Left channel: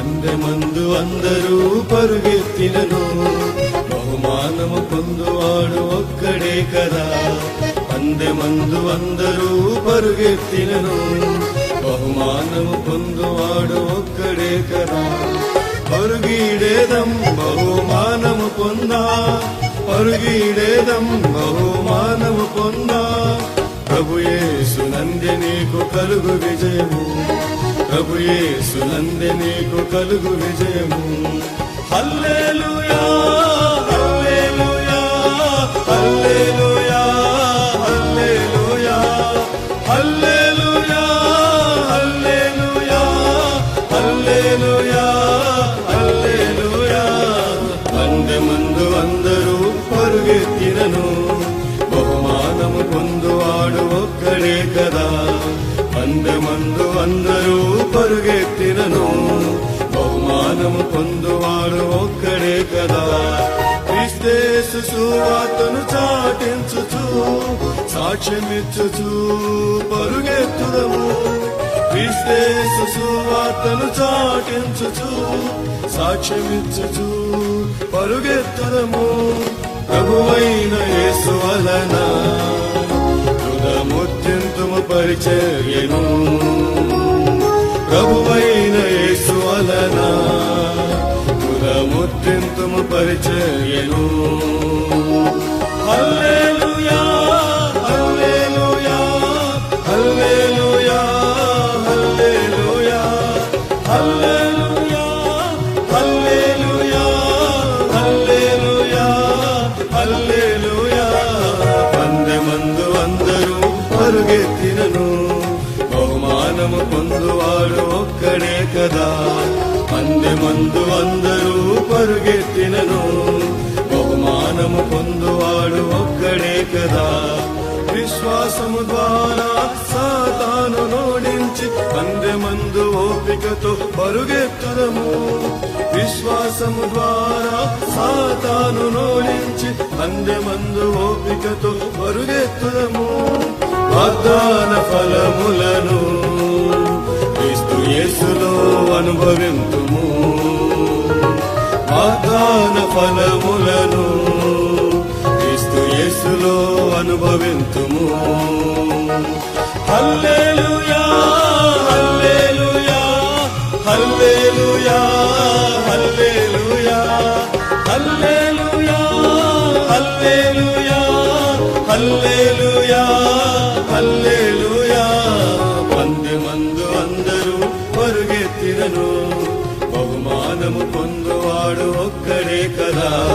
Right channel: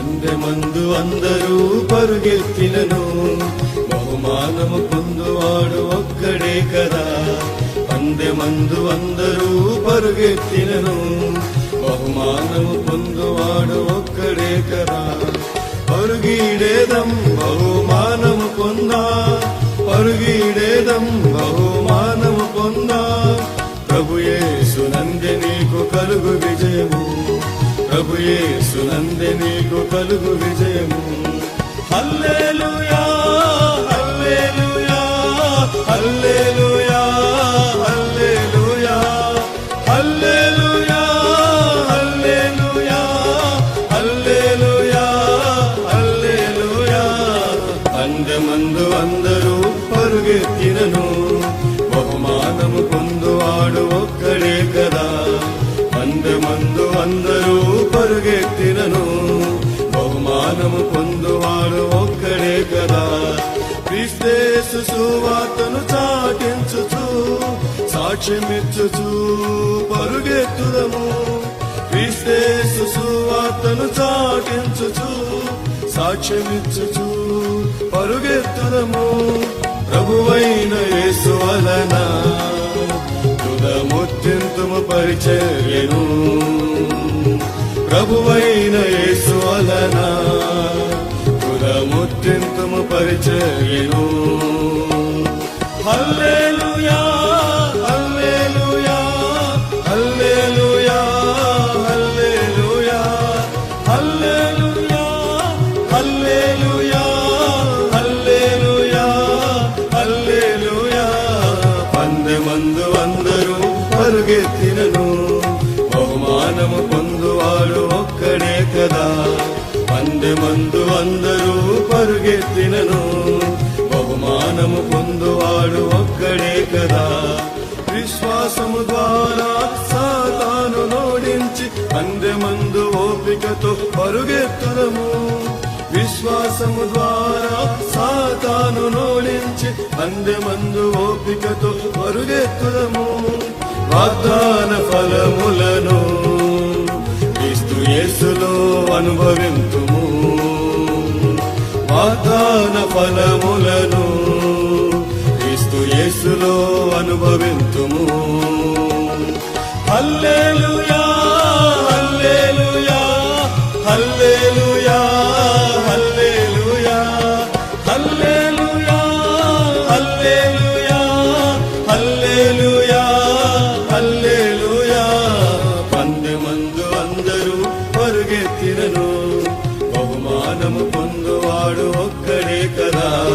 పందె మందు అందరూ పరుగెత్తినను. బహుమానము పొందువాడు ఒక్కడే కదా. పందె ముందు అందరూ పరుగెత్తినను. బహుమానము పొందువాడు ఒక్కడే కదా. పరుగీడేదం బహుమానము పొందా. పరుగీడేదం బహుమానము పొందా. ప్రభుయేసు నంది నీకు కలుగు విజయము. ప్రభుయేసు నంది నీకు కలుగు విజయము. హల్లెలూయా హల్లెలూయా హల్లెలూయా హల్లెలూయా హల్లెలూయా హల్లెలూయా హల్లెలూయా హల్లెలూయా. మంది మందు అందరూ పరుగెత్తినను. బహుమానము పొందువాడు ఒక్కడే కదా. మంది మందు అందరూ పరుగెత్తినను. బహుమానము పొందువాడు ఒక్కడే కదా. క్రిస్తేసు సువార్తను చాటించుచు సాక్ష్యమిచ్చుచు పరుగెత్తుదము. క్రిస్తేసు సువార్తను చాటించుచు సాక్ష్యమిచ్చుచు పరుగెత్తుదము. ప్రభువైన యేసు వలన పరిచర్యను ప్రభువైన యేసు వలన తుదముత్యంతము పరిచర్యను హల్లెలూయా హల్లెలూయా హల్లెలూయా హల్లెలూయా హల్లెలూయా హల్లెలూయా హల్లెలూయా హల్లెలూయా. మంది మందు అందరూ కదా. మంది ముందు అందరూ పరుగెత్తినను. బహుమానము పొందువాడు ఒక్కడే కదా. విశ్వాసము ద్వారా సాతాను నోడించి ముందు ఓపికతో పరుగెత్తడము. విశ్వాసము ద్వారా సాతాను నోడించి ముందు ఓపికతో పరుగెత్తడము. వాగ్దాన ఫలములను క్రీస్తు యేసులో అనుభవింతుము. వాగ్దాన ఫలములను క్రీస్తు యేసులో అనుభవింతుము. హల్లెలూయా హల్లెలూయా హల్లెలూయా హల్లెలూయా హల్లెలూయా హల్లెలూయా హల్లెలూయా హల్లెలూయా. పంది మంది ఫలము పొందువాడు ఒక్కడే కదా.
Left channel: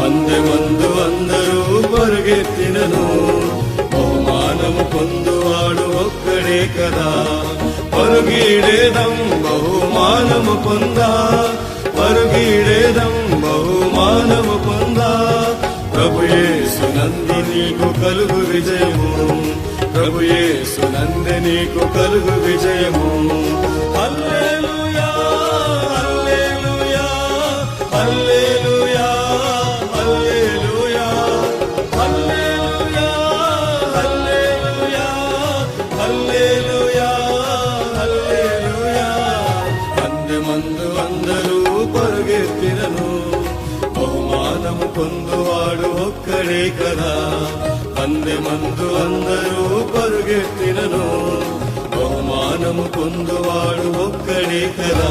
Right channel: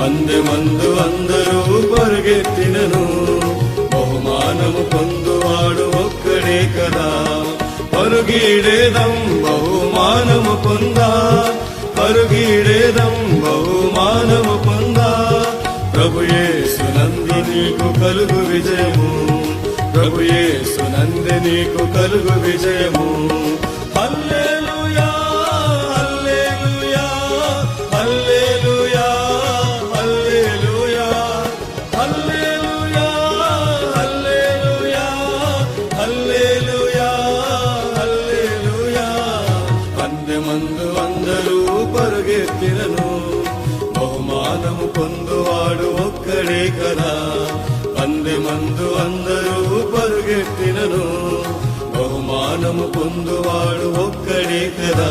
పంది మందు అందరూ పరిగెత్తినను. బహుమానము పొందువాడు ఒక్కడే కదా. పరుగీడేదం బహుమానము పొందా. పరుగీడేదం బహుమానము పొందా. ప్రభుయే నంది నీకు కలుగు విజయము. ప్రభుయే నంది నీకు కలుగు విజయము. అంది మందు అందరూ పరుగెత్తినను బహుమానము పొందువాడు ఒక్కడే కదా అంది మందు అందరూ పరుగెత్తినను. బహుమానము పొందువాడు ఒక్కడే కదా.